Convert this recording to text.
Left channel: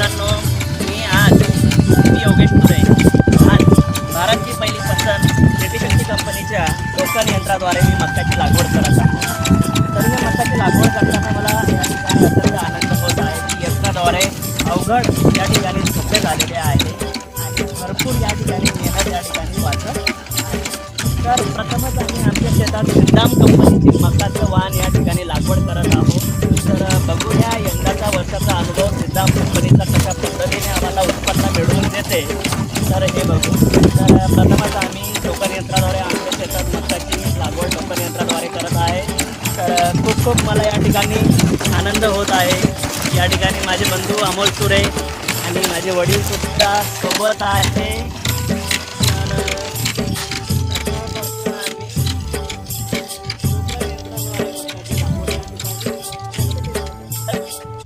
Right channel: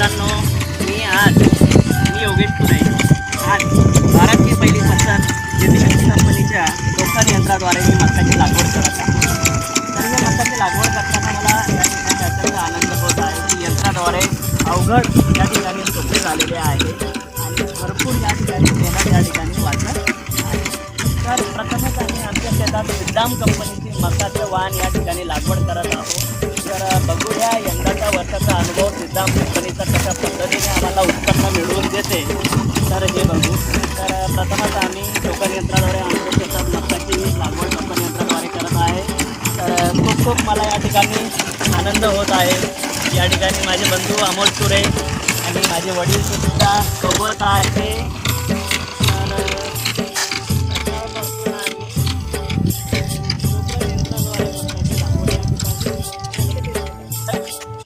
मित्रांनो मी आज मी योगेश पुरे. आज भारतची पहिली संस्थान शेतीशक्ती कंपनीच्या लोकल यंत्राद्वारे मी मक्काची लागवड करत आहे. तर मी मक्काची लागवड करताना मला या ठिकाणी अत्यंत आनंद होत आहे की यंत्राद्वारे अवघड या ठिकाणी सोपे झालेले आहे. आणि भरपूर या ठिकाणी मेहनत या ठिकाणी वाटत तर प्रथमच आम्ही आमच्या शेतात मुद्दाम कंपनीतील मक्काचं वाहन या ठिकाणी लागवड करत आहोत. तर बघूया यंदाचा तर प्रथमच आम्ही टोकन यंत्राद्वारे आमच्या शेतात मकाची लागवड टोकन यंत्राद्वारे करत आहे तर खूप खूप मला या ठिकाणी आनंद होत आहे या ठिकाणी माझे बंधू अमोल सुरे आणि माझे वडील सुद्धा सोबत आहे.